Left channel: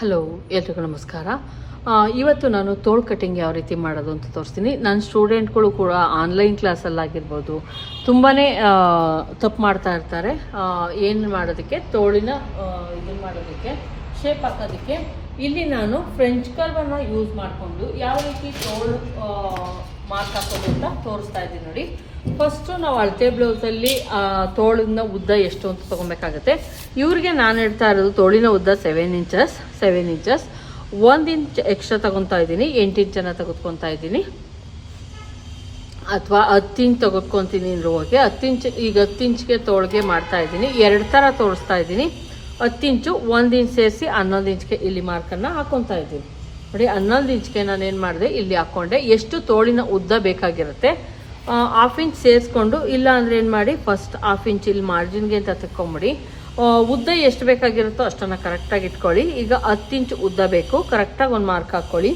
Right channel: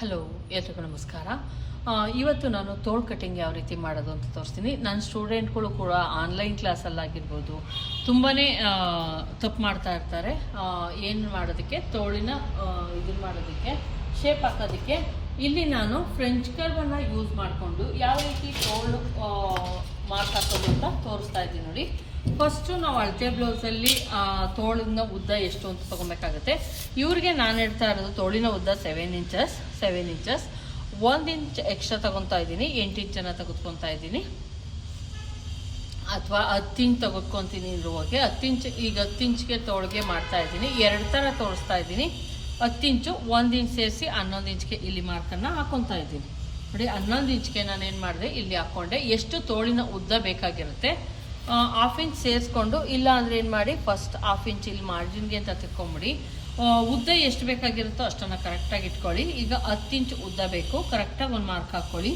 Hello, ಎಲ್ರಿಗೂ ನಮಸ್ಕಾರ. ಇವತ್ತು ನಾನು ತೋಳು ಕಟ್ಟಿಂಗ್ ಯಾವ ರೀತಿ ಮಾಡೋದು ಅಂತ ತೋರಿಸ್ತೀನಿ. ನನ್ನ ಸ್ಟೂಡೆಂಟ್ಗಳು ಕೂಡ ಆನ್ಲೈನ್ ಕ್ಲಾಸಲ್ಲಾಗಿರ್ಬೋದು ತುಂಬಾ ತಪ್ಪು ಮಾಡ್ತಾ ಇರ್ತಾರೆ. ಏನು ಮಾಡೋದಕ್ಕೆ? ತೋಳಿನ ಇದನ್ನು ಮಾಡೋದಕ್ಕೆ ಶೇಪ್ ಹಾಕೋದಕ್ಕೆ. ಇಲ್ಲಿ ನಾನು ಫ್ರೆಂಚ್ ಕರ್ವನ್ನು ಯೂಸ್ ಮಾಡಿಕೊಂಡು ಯಾವ ರೀತಿ ತೋಳು ಮಾರ್ಕ್ ಹಾಕೋದು ಅಂತ ತೋರಿಸ್ತಾ ಇದ್ದೀನಿ ನೋಡಿ. ಫಸ್ಟು ನಾವು ಅಳತೆ ಬ್ಲೌಸಲ್ಲಿ ತೋಳಿನ ಉದ್ದ ಎಷ್ಟು ಅಂತ ತೊಗೊಬೇಕಾಗತ್ತೆ. ಇವ್ರಿಗೆ ನಾನು ಹೇಳ್ತಾ ಇರೋದು ತೋಳಿನ ಉದ್ದ ಸೆವೆನ್ ಇಂಚಸ್ ಸೆವೆನ್ ಇಂಚಸ್ ಒಂದು ಇಂಚ್ ಎಕ್ಸ್ಟ್ರಾ ತಗೊತಾ ಇದ್ದೀನಿ, ಎಂಟು ಇಂಚನ್ನು ತೆಗೆದುಕೊತಾ ಇದ್ದೀನಿ. ಅಥವಾ ಹತ್ತು ಇಂಚ್ ತೆಗೆದುಕೊಂತೀನಿ ಇರುವಾಗೆ ಹತ್ತು ಇಂಚ್ ಈಗ ಹತ್ತು ಇಂಚ್ಗೆ ತೋಳಿಗೆ ಮಾಡ್ತಾ ಇದ್ದೀನಿ. ಎರಡು ಥರ ತೋರಿಸ್ತಾ ಇದ್ದೀನಿ. ಹತ್ತು ಇಂಚು ಒಂದು ಇಂಚ್ ಸೇರಿಸಿ ಹನ್ನೊಂದು ಇಂಚ್ಗೆ ಇಲ್ಲಿ ಮಾರ್ಕನ್ನು ಹಾಕೊತಾ ಇದ್ದೀನಿ. ನೋಡಿ, ಹನ್ನೊಂದು ಇಂಚ್ಗೆ ನಾನು ಏನು ಮಾಡಿದೆ, ಇಲ್ಲಿ ಹಾಕ್ಕೊಂಡೆ ಎಷ್ಟು ತೋಳಿನ ಉದ್ದ ಬೇಕಾಗಿರುತ್ತೆ ಹಾಫ್ ಇಂಚ್ ಸೇರಿಸ್ಕೊಂಡು, ಇಲ್ಲ ಅಂದರೆ ಏನು ಮಾಡಿ ಫಸ್ಟ್ ಹಾಫ್ ಇಂಚ್ ಇಲ್ಲಿ ಮಾರ್ಜಿನ್ಗೆ ಅಂತ ತೆಕ್ಕೊಂಬಿಡಿ. ಉದ್ದ ಎಷ್ಟು ಬೇಕಾಗಿರುತ್ತೋ ಅಷ್ಟನ್ನು ಕರೆಕ್ಟಾಗಿ ಇಟ್ಕೊಳ್ಳಿ. ಈಗ ಹತ್ತು ಇಂಚ್ ಉದ್ದ ಬೇಕು ಕರೆಕ್ಟಾಗಿ ಒಂದು ಮಾರ್ಕ್ ಹಾಕ್ಕೊಳ್ಳಿ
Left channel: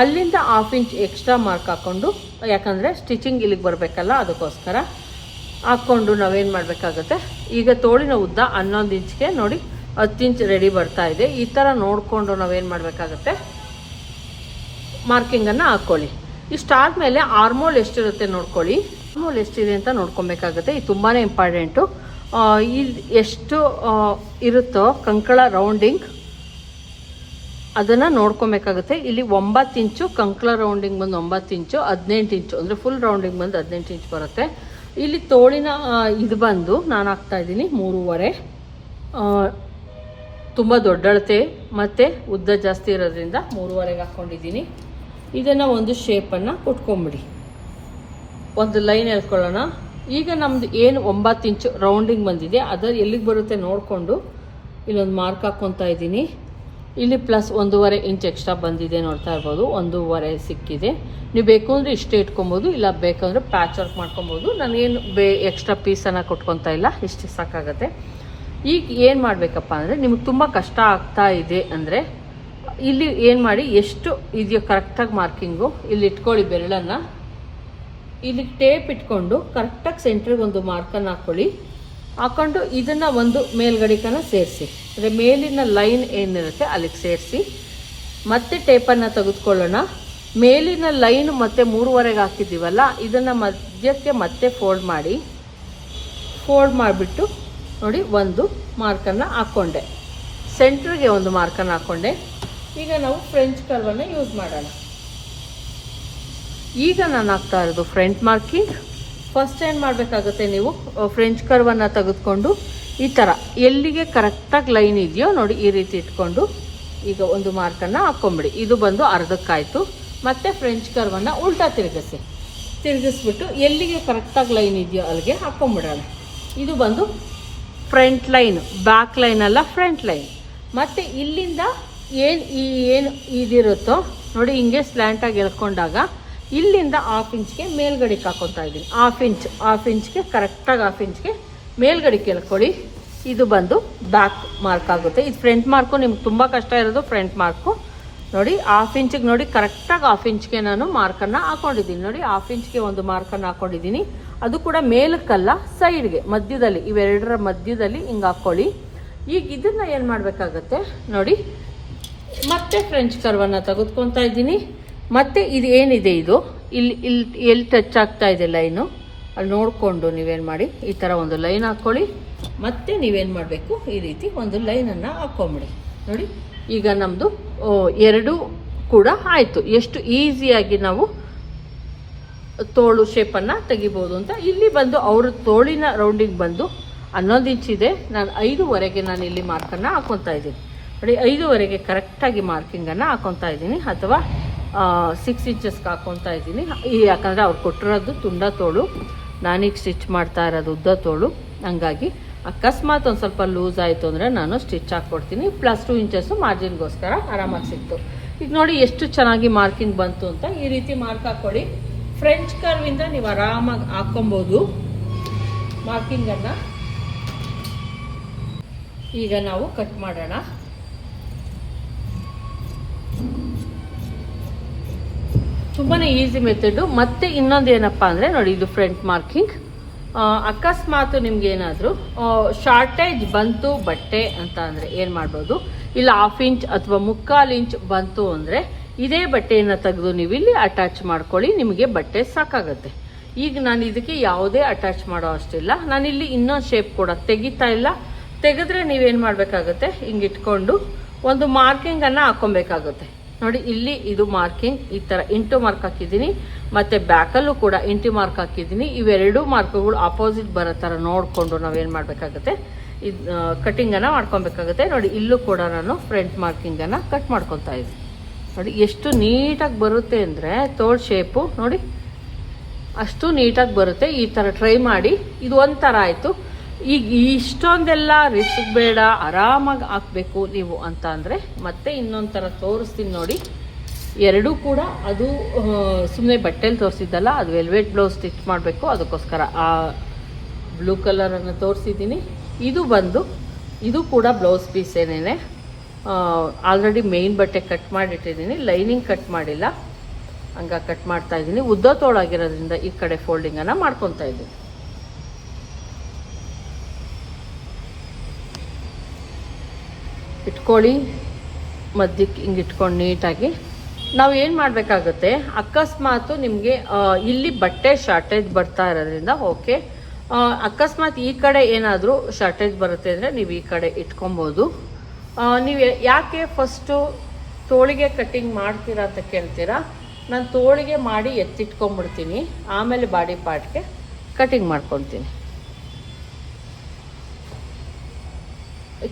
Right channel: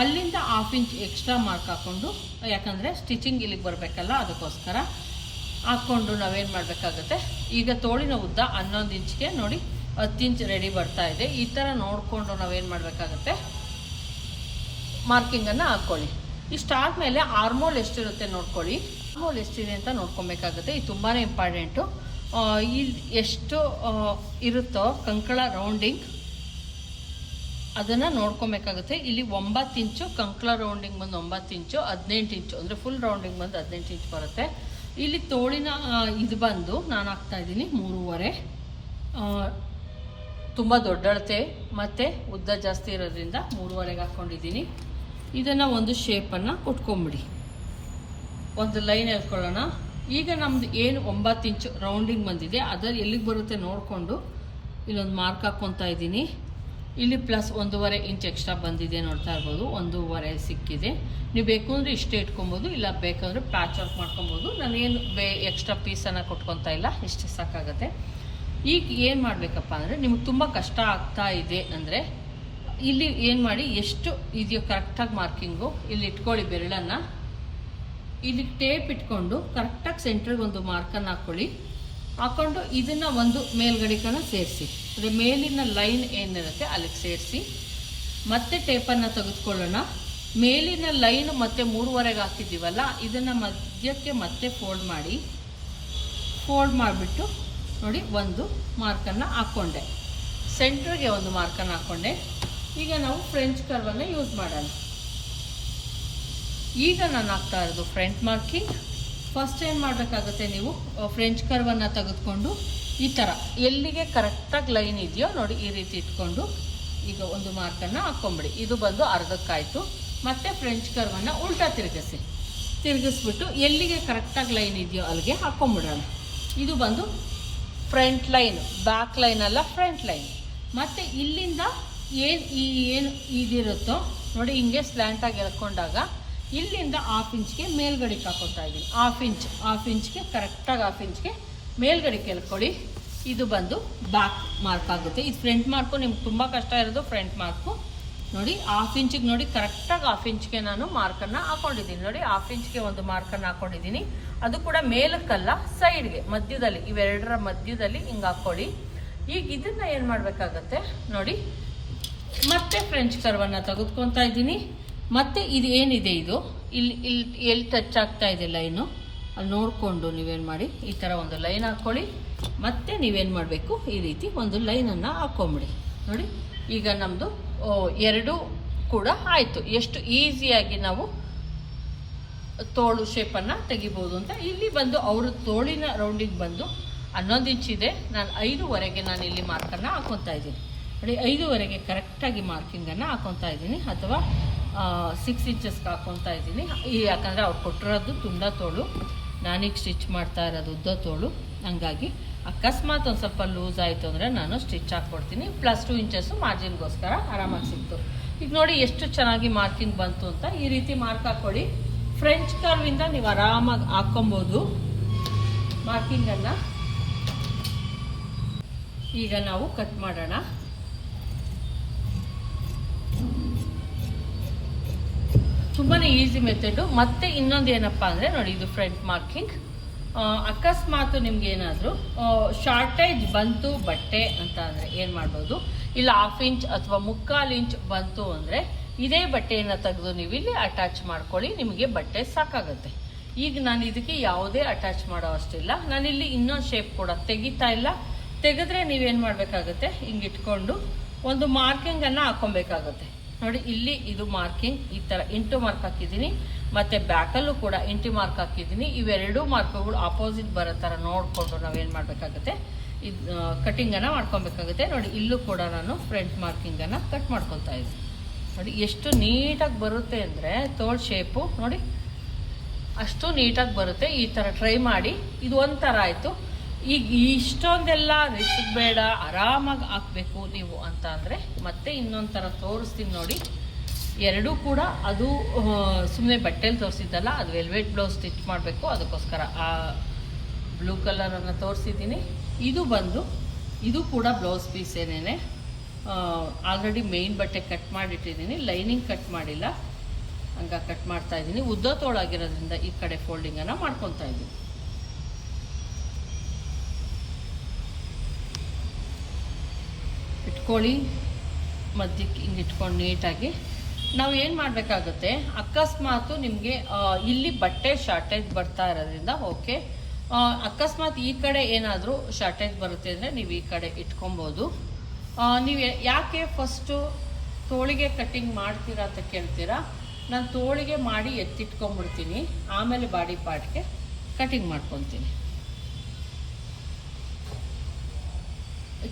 ಅಲ್ಲಿಂದ ಹಾಫ್ ಇಂಚ್ ಎಕ್ಸ್ಟ್ರಾ ಮಾರ್ಕ್ ಹಾಕ್ಕೊಂಡು ಯಾಕಂದರೆ ಸ್ಟಿಚಿಂಗ್ ಇಲ್ಲಿಗೆ ಬರಬೇಕಲ್ಲ, ಅದಕ್ಕೋಸ್ಕರ ಹಾಕ್ಕೊಂಡು ನಾವೇನು ಮಾಡಬೇಕಾಗುತ್ತೆ, ಈಗ ತೋಳಿನ ಉದ್ದ ಹನ್ನೊಂದು ಇಂಚ್ಗೆ ನೋಡಿ, ಹತ್ತು ಇಂಚ್ ರೆಡಿ ಬರ್ತಾ ಇದೆ. ಈ ಥರ ನೋಡಿಕೊಂಡು ನಾವೇನು ಮಾಡಬೇಕಾಗುತ್ತೆ ಮಾರ್ಕಿಂಗನ್ನು ಹಾಕ್ಕೊಳ್ಳಿ ಇಷ್ಟಾದ್ಮೇಲೆ ಆರ್ಮೋಲ್ ಎಷ್ಟಿರುತ್ತೆ ನೋಡ್ಕೊಳ್ಳಿ. ಆರ್ಮೋಲ್ ಎಷ್ಟಿದೆ ಅಂತ ನೋಡ್ಕೊಬೇಕಾಗುತ್ತೆ. ಇದು ತುಂಬಾ ಇಂಪಾರ್ಟೆಂಟು ಇದು ಎಷ್ಟು ಇರುತ್ತೋ ಕಂಕಳ ರೌಂಡಿಂಗ್ ಅದನ್ನು ನೋಡ್ಕೊಬೇಕಾಗುತ್ತೆ. ಇಲ್ಲಿ ಒಂಬತ್ತು ಇಂಚು ಕಂಕಳ ರೌಂಡಿಂಗ್ ಬಂದು ಒಂಬತ್ತು ಇಂಚು, ಹದಿನೆಂಟು ಇಂಚು. ಅಂದರೆ ಫುಲ್ ರೌಂಡಿಂಗ್ ಬಂದು ಹದಿನೆಂಟು ಇಂಚು ಬರುತ್ತೆ. ಇಲ್ಲಿ ತೋಳಿನ ಇದು ಬಂದು ನಾನು ಹಾಕ್ತಾ ಇದ್ದೀನಿ, ಮೂರುವರೆ. ತುಂಬ ದೊಡ್ಡಳತೆ ಮತ್ತು ಉದ್ದ ಜಾಸ್ತಿ ಇರೋದ್ರಿಂದ ಮೂರುವರೆಗೆ ಹಾಕ್ಕೊಂಡಿದ್ದೀನಿ ಇದನ್ನು ಒಂದು ಶೇಪನ್ನು ಕೊಟ್ಕೊಂಬಿಡಿ. ಒಂದು ಲೈನ್ ಎಳ್ಕೊಳ್ಳೋಣ. ಈಗ ನಮ್ದು ಏನು ಒಂಬತ್ತು ಇಂಚು ರೌಂಡಿಂಗ್ ಬಂದಿದೆ, ಅದರ ಎಲ್ಲಿಗೆ ಬರುತ್ತೆ ನೋಡಿಕೊಂಡು ಇಲ್ಲೊಂದು ಮಾರ್ಕ್ ಹಾಕ್ಕೊತಾ ಇದ್ದೀನಿ. ಇಲ್ಲಿ ಪ್ಲಸ್ ಒಂದೂವರೆ ಇಂಚ್ ಎಕ್ಸ್ಟ್ರಾ ಬಂದಿದೆ ನೋಡ್ತಾ ಇರ್ಬೋದು, ಒಂದೂವರೆ ಸಿಕ್ಕಿದೆ. ನೀವು ಬೇಕು ಅಂದರೆ ಇಷ್ಟೇ ಇಟ್ಕೊಬೋದು, ಇಲ್ಲ ಬೇಕಂದ್ರೆ ಪ್ಯಾಚ್ ವರ್ಕ್ ಮಾಡ್ಕೊಬೋದು. ನಾನೇನು ಬೇ ಎಕ್ಸ್ಟ್ರಾ ಪೀಸನ್ನು ಕೊಟ್ಕೊತಾ ಇಲ್ಲ, ಇಷ್ಟು ಸಾಕಾಗತ್ತೆ. ಈಗ ಏನು ಮಾಡಬೇಕಪ್ಪ ಅಂದರೆ, ನಿಮ್ಗೆ ತುಂಬ ಕಷ್ಟ ಆಗ್ತಾ ಇದೆ ಅಂದರೆ ಇಲ್ಲಿ ಏನು ಮಾಡಿ, ಎಷ್ಟು ಇದೆಯೋ ಕರೆಕ್ಟಾಗಿ ಮಾರ್ಕಿಂಗು ಇಲ್ಲಿ ಇಟ್ಕೊಳ್ಳಿ ಬೆರಳನ್ನು. ಇಲ್ಲಿ ಟೇಪ್ ಇಟ್ಕೊಂಡು ಕರೆಕ್ಟಾಗಿ ಸೆಂಟ್ರಿಗೆ ಒಂದು ಮಾರ್ಕನ್ನು ಹಾಕ್ಕೊಳ್ಳಿ ಹಾಕೊಂಡು ಇದನ್ನು ಒಂದು ಮೇಲ್ಗಡಿಕನ ಸೇರಿಸಿ. ಅಂದರೆ ಮೇಲಿನ ಲೈನ್ ಏನಿರುತ್ತೆ ಅಲ್ಲಿಗೆ ಸೇರಿಸಿ. ಮತ್ತೆ ಟೇಪನ್ನು ತೆಗೆದುಕೊಳ್ಳೋಣ. ಮೇಲಿನ ಲೈನ್ ಮತ್ತೆ ಮೂರುವರೆಗೆ ಹಾಕಿದ್ದೀವಲ್ಲ, ಇದನ್ನು ಮಧ್ಯಕ್ಕೆ ಮತ್ತೆ ಫೋಲ್ಡ್ ಮಾಡಿ. ಫೋಲ್ಡ್ ಮಾಡಿಬಿಟ್ಟು ನೋಡಿ, ಒಂದು ಮಾರ್ಕನ್ನು ಹಾಕ್ಕೊಂಡೆ ಸೆಂಟ್ರಿಗೆ ಒಂದು ಮಾರ್ಕನ್ನು ಹಾಕ್ಕೊಂಡೆ ಈಗ ನಾವು ಫ್ರೆಂಚ್ ಕರ್ವನ್ನು ಯೂಸ್ ಮಾಡೋಣ. ಈಗ ನಾನು ಹಾಕ್ತಾ ಇರೋದು ಫ್ರಂಟ್ ಮಾರ್ಕಿಂಗ್ ಫಸ್ಟ್ ಏನು ಮಾಡಬೇಕಾಗುತ್ತೆ ನೀವು? ಫ್ರೆಂಚ್ ಕರ್ವನ್ನು ತೆಗೆದುಕೊಂಡು ಈ ಥರ ಎಲ್ಲಿಗೆ ಕರೆಕ್ಟಾಗಿ ಲೈನ್ ಇದೆಯೋ ನೋಡಿ ಈ ರೀತಿ ಇಟ್ಕೊಂಡು ಈಗ ಒಂದು ಮಾರ್ಕನ್ನು ಹಾಕ್ಕೊಂಬಿಡಿ ಇದು ಬಂದು ಅರ್ಧಕ್ಕಾಯಿತು. ಮತ್ತೆ ಫ್ರೆಂಚ್ ಕರ್ವನ್ನು ಉಲ್ಟಾ ತಿರುಗಿಸಿ. ತಿರುಗಿಸ್ಬಿಟ್ಟು ಎಲ್ಲಿಗೆ ಕರೆಕ್ಟಾಗಿ ಲೈನ್ ಇದೆಯೋ ಅಲ್ಲಿಗೆ ಹಾಕ್ಕೊಂಬಿಡೋಣ ಇದು ಬಂದು ಫ್ರಂಟ್ ಲೈನ್ ಬ್ಯಾಕ್ ಲೈನ್ ಅಲ್ಲ ಫ್ರಂಟ್ ಲೈನ್ ಮತ್ತು ಇಲ್ಲಿಂದ ಏನು ಈ ಏನು ಇದಿರುತ್ತೋ ನೋಡಿ ಹಿಂಗೆ ಸ್ಲ್ಯಾಂಟಾಗಿ ಎಳ್ಕೊಂಡಾಗ ಇಲ್ಲಿಂದ ಹಾಫ್ ಇಂಚ್ಗೆ ಮೇಲ್ಗಡೆಗೆ ಹಾಕೊತಾ ಇದ್ದೀನಿ. ಹಾಫ್ ಇಂಚ್ ಹಾಫ್ ಇಂಚ್ಗೆ ಕರೆಕ್ಟಾಗಿ ಹಾಫ್ ಇಂಚ್ಗೆ ಮೇಲ್ಗಡೆಗೆ ಎಳ್ಕೊಳ್ಳಿ. ಇದು ಬಂದು ಬ್ಯಾಕ್ ಮಾರ್ಕ್ ಆಗುತ್ತೆ. ಇದು ಫ್ರಂಟ್ ಮಾರ್ಕು ನಿಮ್ಗೆ ತುಂಬ ಕಷ್ಟ ಇರೋದು ಫ್ರಂಟ್ ಮಾರ್ಕು ನೋಡಿ ಹಾಫ್ ಇಂಚಿಗೆ ನೋಡಿ ಕರೆಕ್ಟಾಗಿ ಹಾಫ್ ಇಂಚ್ಗೆ ನಾನು ಮಾರ್ಕನ್ನು ಹಾಕೊಂಡಿದ್ದೀನಿ. ನೋಡಿ ಹಾಫ್ ಇಂಚ್ಗೆ ಒಂದು ಮಾರ್ಕನ್ನು ಹಾಕೊಂಡಿದ್ದೀನಿ. ಅದು ಕೂಡ ಮೇಲಕ್ಕಲ್ಲ ಸೈಡ್ಗೆ ಮಧ್ಯದಲ್ಲಿ, ಇವೆರಡರ ಮಧ್ಯದಲ್ಲಿ ಹಿಂಗೆ ಹಾಕ್ಕೊಳ್ಳಿ ಈಗ ಇದನ್ನು ಏನು ಮಾಡಬೇಕಾಗತ್ತೆ? ನೋಡಿ ಮತ್ತೆ ಫ್ರೆಂಚ್ ಕರ್ವನ್ನು ತೆಗೆದುಕೊತಾ ಇದ್ದೀನಿ. ಮತ್ತೆ ಇದು ಏನಿದೆ ಇದು? ಇಲ್ಲಿ ಇಲ್ಲಿ, ಎಲ್ಲಿ ಟಚ್ ಆಗ್ತಾ ಇದೆ ಲೈನು ಅಲ್ಲಿ ನೋಡಿಕೊಂಡು ನೀವೇನು ಮಾಡಿ, ಈ ಥರ ಒಂದು ಲೈನ್ ಹಾಕ್ಕೊಳ್ಳಿ ಮತ್ತೆ ನೀವೇನು ಮಾಡಬೇಕು? ಈ ರೀತಿ ಒಂದು ಲೈನನ್ನು ಹಾಕ್ಕೊಂಬಿಡಿ ನೋಡಿ, ಈಗ ನಮ್ಮದು ಎರಡು ಕೂಡ ಆಯಿತು. ಎಷ್ಟು ಈಸಿಯಾಗಿ ನಾವು ತೋಳು ಶೇಪನ್ನು ತೆಗಿಬೋದು ಅಂತ. ಇಲ್ಲಿ ಬಂದು ಅವ್ರ ತೋಳಿನ ರೌಂಡಿಗೆ ಬಂದು ಹನ್ನೊಂದು ಇಂಚ್ ಇದೆ. ನಾನು ಐದೂವರೆಗೆ ನಾನು ಇಲ್ಲಿ ಮಾರ್ಕನ್ನು ಹಾಕ್ಕೊತಾ ಇದ್ದೀನಿ. ನೋಡಿ, ಐದೂವರೆಗೆ ಕರೆಕ್ಟಾಗಿ ಮಾರ್ಕಿಂಗನ್ನು ಹಾಕೊತಾ ಇದ್ದೀನಿ. ಅಥವಾ ಸಿಕ್ಸ್ ಇಂಚಸ್ಗೆ ಹಾಕೊತಾ ಇದ್ದೀನಿ. ಯಾಕಂದರೆ ಅವ್ರು ಕೊಟ್ಟಿರೋದು ತುಂಡ ತೋಳು. ನಾನೀಗ ಸ್ಟಿಚ್ ಮಾಡ್ತಾ ಇರೋದು ಉದ್ದ ತೋಳು. ಹಂಗಾಗಿ ಅಕಸ್ಮಾತ್ ಒಂದು ಸ್ವಲ್ಪ ಲೂಸ್ ಆಯಿತು ಅಂದರೆ ನಾನು ಸ್ಟಿಚ್ ಹಾಕ್ಕೊಡ್ತೀನಿ ಪ್ಲಸ್ ಟು ಇಂಚಸ್ಸು ಮಾರ್ಜಿನ್ಗೋಸ್ಕರ ಆರಾಮಾಗಿ ಸಿಕ್ತು. ಈಗ ನೋಡಿ, ಎಷ್ಟು ಚೆನ್ನಾಗಿ ಮಾರ್ಕಿಂಗ್ ಬಂತು ಅಂತ ಈ ರೀತಿ ಮಾರ್ಕ್ ಹಾಕ್ಕೊಳ್ಳಿ ಫ್ರೆಂಚ್ ಕರ್ವಿಂದ ನೀವು ಆರಾಮಾಗಿ ಹಾಕ್ಕೊಬೋದು ಮಾರ್ಕಿಂಗನ್ನು ಈಗ ನಾವು ಕಟ್ ಮಾಡೋಣ. ತುಂಬಾ ಈಸಿ ಮೆಥಡು ಮತ್ತೆ ಇನ್ನೊಂದು ಏನಪ್ಪ ಅಂದರೆ ನೋಡಿ, ಇದು ಫ್ರಂಟ್ ಮಾರ್ಕಿಂಗ್ ಅಕಸ್ಮಾತ್ ನಿಮ್ಗೆ ಏನಾದರೂ ಶಾರ್ಟೇಜ್ ಬಂತು ಬಟ್ಟೆ ಅಂತ ಅಂದರೆ ಏನು ಮಾಡ್ಬೋದು? ಇಲ್ಲ ಹಾಫ್ ಇಂಚ್ ಅಥವಾ ಮುಕ್ಕಾಲು ಇಂಚ್ ಬಂತು ಅಂದರೆ ಇದೇ ಬಟ್ಟೆಯನ್ನು ತೆಗೆದು ನೀವು ಇಲ್ಲಿ ಅಟ್ಯಾಚ್ ಮಾಡ್ಕೊಳ್ಳಿ, ನಿಮಗೆ ಬಟ್ಟೆ ಸಾಕಾಗುತ್ತೆ. ಈಗ ನಾನು ಇದಕ್ಕೆ ಯಾವುದೇ ಅಟ್ಯಾಚ್ ಮಾಡೋ ಅಷ್ಟಿಲ್ಲ. ನಾನಿಲ್ಲಿ ಇನ್ನೊಂದು ಶೇಪ್ ಕೂಡ ತೆಗಿತಾ ಇಲ್ಲ. ತೆಗೆದ್ರೆ ನೀವೇನು ಮಾಡಬೇಕಾಗುತ್ತೆ? ಹಿಂಗೆ ಇಟ್ಕೊಂಡು ಒಂದು ಮಾರ್ಕಿಂಗನ್ನು ಹಾಕೊಬೇಕಾಗುತ್ತೆ ನೋಡಿ, ಇಲ್ಲಿ ಇದು ಮಾರ್ಕಿಂಗ್ ಈ ಥರ ಇಂಟು ಮಾರ್ಕ್ ಹಾಕಿದ್ದೀನಿ. ಮತ್ತು ಬ್ಯಾಕಲ್ಲೂ ಕೂಡ ಇಂಟು ಮಾರ್ಕ್ ಹಾಕಿದ್ದೀನಿ. ಇವೆರಡೂ ಮಾರ್ಕ್ಗಳು ಅಪೋಸಿಟ್ ಬರೋ ಥರ ನೋಡಿಕೊಂಡು ನಾವೇನು ಮಾಡಬೇಕಾಗುತ್ತೆ? ಇದು ಕಟ್ಟಿಂಗನ್ನು ಮಾಡ್ಕೊಬೇಕಾಗುತ್ತೆ. ನೋಡಿ, ಇಲ್ಲೂ ಕೂಡ ನಾನು ಫ್ರಂಟ್ ಮಾರ್ಕಿಂಗನ್ನು ಕಟ್ ಮಾಡ್ಕೊತಾ ಇದ್ದೀನಿ. ನೋಡಿ, ಎಷ್ಟು ನೀಟಾಗಿ ಬರುತ್ತೆ ಅಂದರೆ ತೋಳ್ ಶೇಪು ನೋಡಿ. ಅಷ್ಟು ನೀಟಾಗಿ ಬರುತ್ತೆ. ಈ ಥರ ಟ್ರೈ ಮಾಡಿ. ಇದು ಒಂಥರ ಆಯಿತು. ಈಗ ಇಷ್ಟೊಂದೆಲ್ಲ ರಿಸ್ಕ್ ಬೇಡ, ಆರಾಮಾಗಿ ಹಾಕಬೇಕು ನೀವು ಅಂತ ಅಂದರೆ ಮತ್ತೆ ಇನ್ನೊಂದು ಥರ ತೋರಿಸ್ತೀನಿ ನೋಡಿ. ಎರಡೂ ಕೂಡ ಅದು ಸುಮ್ಮನೆ ಬಟ್ಟೆಲಿ ತೋರಿಸಿದ್ದಲ್ಲ, ಅದು ವೆಲ್ವೆಟ್ ಬ್ಲೌಸ್ ಸ್ಟಿಚ್ ಮಾಡಬೇಕು. ಅದಕ್ಕೋಸ್ಕರ ಆ ಬ್ಲೂ ಕಲರನ್ನು ತೋರಿಸಿದ್ದೀನಿ. ಇದು ಬಂದು, ಇದು ಕೂಡ ಬ್ಲೌಸ್ ಪೀಸ್ ಏನೇನೆ ಆಲ್ರೆಡಿ ಮೇಯ್ನ್ ಬಟ್ಟೆ ಕಟ್ ಮಾಡಿಟ್ಟಿದ್ದೀನಿ. ಲೈನಿಂಗ್ ಕಟ್ ಮಾಡಿಲ್ಲ. ಹಂಗ ಕಟ್ ಮಾಡ್ತಾ ಇದ್ದೀನಿ. ಉದ್ದ ತೋಳಾಗಿರೋದ್ರಿಂದ ಈ ಕಡೆ ಫೋಲ್ಡಿಂಗನ್ನು ಮಾಡ್ಕೊತಾ ಇದ್ದೀನಿ. ಇಟ್ಕೊಳ್ಳಿ, ಮಧ್ಯಕ್ಕೆ ಹಿಂಗೆ ಇಟ್ಕೊಂಡು ನೀಟಾಗಿ. ನಾವು ಏನು ಮಾಡಬೇಕಾಗುತ್ತೆ, ಅಕಸ್ಮಾತ್ ನಿಮಗೆ ಇಲ್ಲಿ ಬಟ್ಟೆ ಶಾರ್ಟೇಜ್ ಬರ್ತಾ ಇರೋದ್ರಿಂದ ಓಕೆ ಅಕಸ್ಮಾತ್ ಈ ಕಡೆ ಏನಾದರೂ ಶಾರ್ಟೇಜ್ ಬರುತ್ತೆ ಅಂದರೆ ನೀವು ಈ ಕಡೆ ಇಟ್ಕೊಬೋದು. ನೀವು ಯಾಕೆ ಫಸ್ಟು ತೋಳಿಗೆ ಕಟ್ಟಿಂಗ್ ಮಾಡ್ತೀರಾ ಅಂತ ಕೇಳ್ತೀರಾ? ನಾನು ತೋಳಿಗೆ ಮಾಡಿ ಎತ್ತಿಟ್ಕೊಂಡ್ಬಿಡ್ತೀನಿ, ಆಮೇಲೆ ಬಾಡಿ ಪಾರ್ಟ್ಗೆ ಕಟ್ಟಿಂಗ್ ಮಾಡ್ಕೊತೀನಿ.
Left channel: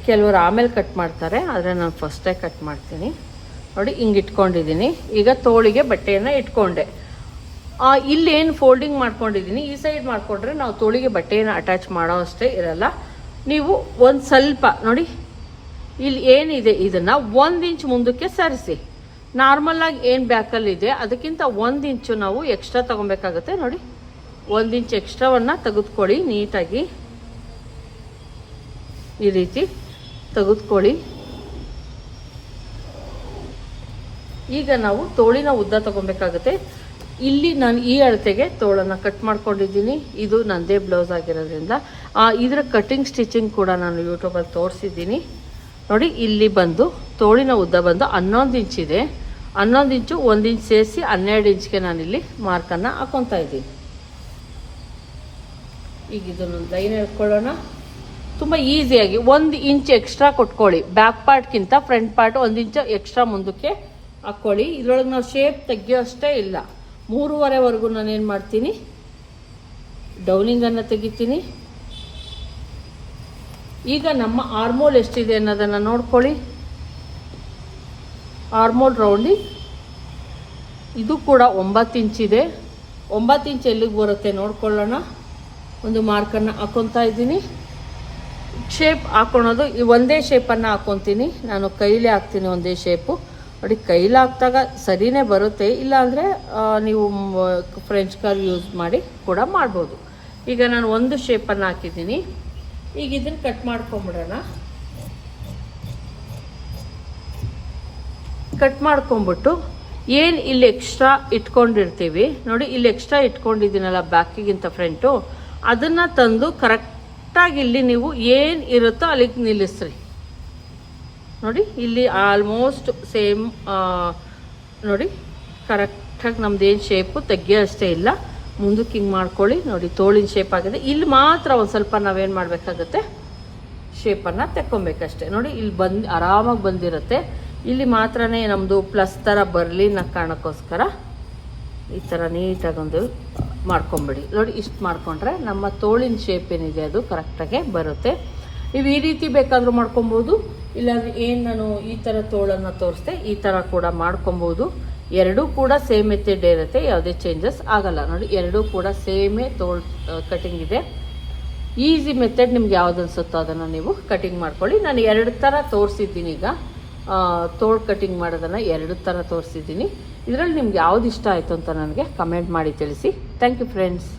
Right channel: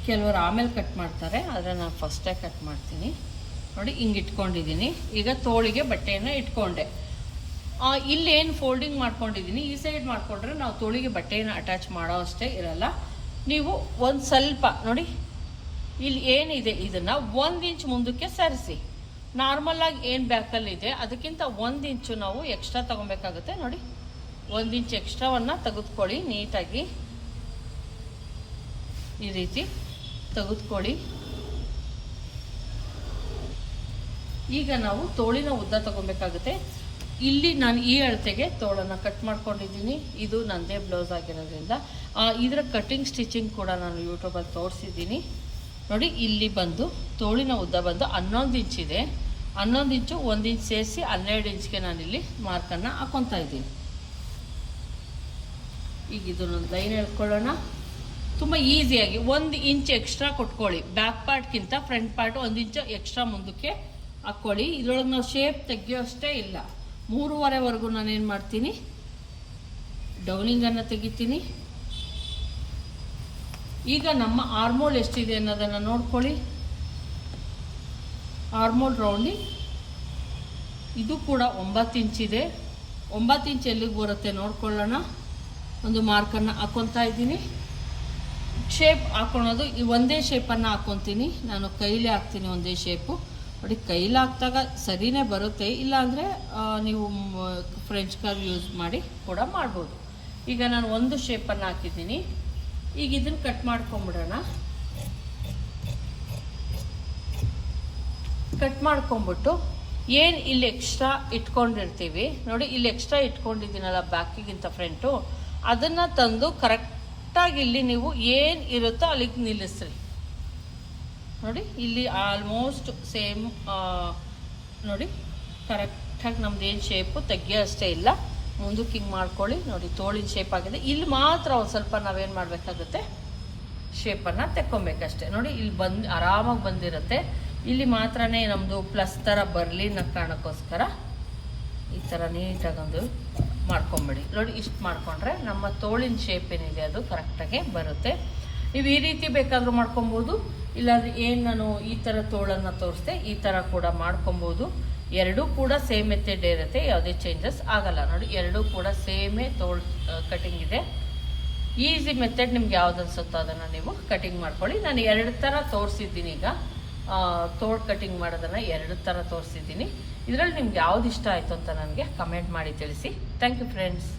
ಕೆಲವರು ಆಮೇಲೆ ಕಟ್ ಮಾಡ್ತಾರೆ ಆದರೆ ನಾನು ಫಸ್ಟೇ ಕಟ್ ಮಾಡ್ತೀನಿ. ನೋಡಿ ಹಿಂಗೆ ಇಟ್ಕೊಂಡಿದ್ದೀನಿ ಈಗ ತೋಳಿಗೆ ಬಟ್ಟೆಯನ್ನು ಇಟ್ಕೊಂಡೆ. ಆ, ಇಲ್ಲೇನು ಫೋಲ್ಡಿಂಗ್ ಮಾಡ್ಕೊಂಡಿದ್ದೀನಿ ಈ ಸೈಡ್ ಮಾಡಿಕೊಂಡ್ರೆ ನಾವು ತೋಳಿಗೆ ಬಟ್ಟೆಯನ್ನು ಅಟ್ಯಾಚ್ ಮಾಡೋ ಅಷ್ಟೇ ಇರಲ್ಲ. ನೀವು ಒಂದು ಸ್ವಲ್ಪ ನೋಡಿ ಇಲ್ಲಿ ಏನಿದೆ ಇದನ್ನ ಒಂದು ಇಂಚ್ ಮುಂದಕ್ಕೆ ಸರಿಸಿ. ನಾರ್ಮಲ್ ಆಗಿ ಏನು ಬ್ಯಾಕಲ್ಲಿ ಇದೆ ಅದಕ್ಕಿಂತ ಒಂದು ಇಂಚು ನಾವು ಎಕ್ಸ್ಟ್ರಾ ತಗೊಬೇಕಾಗುತ್ತೆ. ನೋಡಿ ಒಂದು ಇಂಚ್ ಎಕ್ಸ್ಟ್ರಾವನ್ನ ತೆಗೆದುಕೊಳ್ಳಿ ನೀಟಾಗಿ. ಈ ರೀತಿ ತೆಗೆದುಕೊಳ್ಳಿ. ಈಗ ನಾವು ತೋಳಿನ ಉದ್ದ ತಗೊಬೇಕಾಗುತ್ತೆ. ಇಲ್ಲಿ ನಾನು ಈ ಅಳತೆಗೆ ತೋಳನ್ನ ಕಟ್ ಮಾಡ್ಕೊಂಡಿದ್ದೀನಿ. ಇದು ನಂದೇ ಬ್ಲೌಸ್ ಆಗಿರೋದ್ರಿಂದ. ಇದರ ಕಟಿಂಗ್ ಸ್ಟಿಚಿಂಗ್ ಕೂಡ ನಾನು ಯೂಟ್ಯೂಬಲ್ಲಿ ತೋರಿಸಿದ್ದೀನಿ. ನೋಡಿ, ಇಲ್ಲಿ ಬಂದು ತೋಳಿನ ಉದ್ದ ಬಂದು ಹನ್ನೊಂದು ಇಂಚ್ ಇದೆ. ಹನ್ನೊಂದು ಇಂಚು ಒಂದು ಇಂಚ್ ಸೇರಿಸಿ ಹನ್ನೆರಡು ಇಂಚ್ಗೆ ನಾನಿಲ್ಲಿ ಮಾರ್ಕನ್ನು ಹಾಕೊತಾ ಇದ್ದೀನಿ. ಈಗ ಇದನ್ನೊಂದು ಲೈನ್ ಹೇಳ್ಕೊಳ್ಳೋಣ ತುಂಬ ಈಸಿಯಾಗಿ ಒಂದು ಇಂಚ್ ಎಕ್ಸ್ಟ್ರಾ ಕೊಟ್ಕೊಳ್ಳಿ. ಬ್ಯಾಕ್ ಪಾರ್ಟ್ಗಿಂತ ಫ್ರಂಟ್ ಪಾರ್ಟ್ ಒಂದು ಇಂಚ್ ಎಕ್ಸ್ಟ್ರಾ ಮುಂದಕ್ಕೆ ಹಾಕ್ಕೊಳ್ಳಿ ಇದ್ರೊಳಗೆ ನಾವು ಶೇಪ್ ತೆಗಿಯೋಷ್ಟೇ ಇಲ್ಲ. ಮೂರುವರೆವರೆಗೂ ನಾನೇನು ಮಾಡ್ತೀನಿ? ಡೌನಿಂಗನ್ನು ತೆಗಿತೀನಿ. ಈಗ ನಮ್ಮ ಆರ್ಮೋಲ್ ಎಷ್ಟಿದೆ ಅನ್ನೋದನ್ನು ನೋಡ್ಕೊಳ್ಳಿ. ಆರ್ಮೋಲ್ ರೌಂಡಿ ಇದು ಕೂಡ ಒಂಬತ್ತು ಇಂಚಿದೆ ಒಂಬತ್ತು ಇಂಚ್ ಎಲ್ಲಿಗೆ ಬರುತ್ತೆ ನೋಡ್ಕೊಳ್ಳೋಣ. ಒಂದು ಮಾರ್ಕನ್ನು ಹಾಕೊತಾ ಇದ್ದೀನಿ. ಶೇಪ್ ಹಾಕೊಳೋದು. ಈ ಒಂದೇ ಶೇಪನ್ನು ಹಾಕೊತೀನಿ. ನಾನು ಕೈಲೇ ಹಾಕ್ತೀನಿ ಒಂದೇ ಶೇಪು ನೋಡಿ, ಕೈಲಿ ಹಾಕಿದಾಗ ಸರಿನೇ ಬರುತ್ತೆ. ಇಲ್ಲಾಂದರೆ ನೀವು ಫ್ರೆಂಚ್ ಕಾರ್ ಯೂಸ್ ಮಾಡಿ ಕೂಡ ಮಾಡ್ಬೋದು. ಈಗ ನಾನು ಒಂದು ಶೇಪನ್ನು ಹಾಕಿದ್ದೀನಿ. ಈಗ ಇದನ್ನು ಕಟ್ ಮಾಡ್ಕೊಂಬಿಡೋಣ. ಕಟ್ ಮಾಡ್ಕೊಂಬಿಟ್ಟು ಏನು ಇಲ್ಲಿ ಎಕ್ಸ್ಟ್ರಾ ಇಟ್ಕೊಂಡಿರ್ತೀವಿ? ನೋಡಿ, ಇಲ್ಲಿ ಎಕ್ಸ್ಟ್ರಾ ಇಟ್ಕೊಂಡಿದ್ದೀನಲ್ಲ ಬ್ಯಾಕಿಗಿಂತ ಫ್ರಂಟು ಅದನ್ನು ತಂದು ಕರೆಕ್ಟಾಗಿ ಇಲ್ಲಿ ನೀವು ಏನು ಇರುತ್ತೋ ಅಲ್ಲಿಗೆ ನಿಲ್ಲಿಸ್ರಿ. ನೋಡಿ, ಇಲ್ಲಿ ಆಲ್ಮೋಸ್ಟ್ ಸೇಮ್ ನೋಡಿ ಕರೆಕ್ಟಾಗಿ ನಮ್ದು ಏನು ಶೇಪು ತೆಗಿಯೋ ಅಷ್ಟೇ ಇಲ್ಲ. ಮುಂದಕ್ಕೆ ಹಿಂಗೆ ಮಾಡ್ಕೊಳ್ಳಿ. ನೋಡಿ, ತೋಳಿನ ಶೇಪ್ ಆಗಿದೆ. ಇಲ್ಲಿ ಮಾತ್ರ ಒಂದು ಸ್ವಲ್ಪ ನಾವೇನು ಮಾಡಬೇಕಾಗುತ್ತೆ? ಶೇಪನ್ನು ತೆಕ್ಕೊಬೇಕಷ್ಟೆ. ನೋಡಿ, ಇಲ್ಲಿ ಬಂದು, ಆರಾಮಾಗಿ ಬಂದಿರುತ್ತೆ. ಇಲ್ಲಿ ಮಾತ್ರನೇ ನಮ್ಮದು ಪ್ಲಸ್ ಥರ ಬರಲಿ ಅನ್ನೋ ಕಾರಣಕ್ಕೋಸ್ಕರ ಈ ಥರ ನೀಟಾಗೊಂದು ಮಾಡ್ಕೊಂಬಿಡಿ. ನೋಡಿ, ಇಷ್ಟು ಮಾಡಿಕೊಂಡ್ರೆ ನಮ್ಮ ತೋಳಿನ ಶೇಪ್ ಏನಿದೆ ಅದು ಕರೆಕ್ಟಾಗಿ ಬರುತ್ತೆ. ನೀವು ಈ ರೀತಿ ಬೇಕಾದರೂ ಮಾಡ್ಕೊಬೋದು. ಇಲ್ಲಾಂದರೆ ಏನು ನಾನು ಈ ಥರ ತೋಳನ್ನು ತೋರಿಸ್ದೆ, ಈ ಥರ ಕೂಡ ಮಾಡ್ಕೊಬೋದು. ಎರಡೂ ಕೂಡ ಸೇಮ್ ಮೆಥಡ್ ಇರುತ್ತೆ, ಯಾವುದೇ ಚೇಂಜಸ್ ಆಗಲ್ಲ. ನೋಡಿ, ಎರಡೂ ಕೂಡ ಸೇಮೇ ತೋಳ್ ಕಟಿಂಗ್ ಇದೆ. ಈಸಿ ಮೆಥಡ್ ನಿಮ್ಗೆ ಯಾವ್ದು ಅನ್ಸುತ್ತೋ ಅದನ್ನು ನೀವು ಕಟಿಂಗ್ ಮಾಡ್ಕೊಳ್ಳಿ. ನಾನು ಎರಡು ಥರ ತೋರಿಸಿದ್ದೀನಿ ಈಗ. ತೋಳ್ ಕಟಿಂಗ್ ಮಾಡೋದನ್ನು ಎರಡು ಥರ ತೋರಿಸಿದ್ದೀನಿ. ಇದರಲ್ಲಿ ನಿಮ್ಗೆ ಯಾವ್ದು ಇಷ್ಟ ಆಯಿತು ಅಂತ ನನಗೆ ಕಮೆಂಟ್ ಮಾಡಿ ತಿಳಿಸಿ. Thank you friends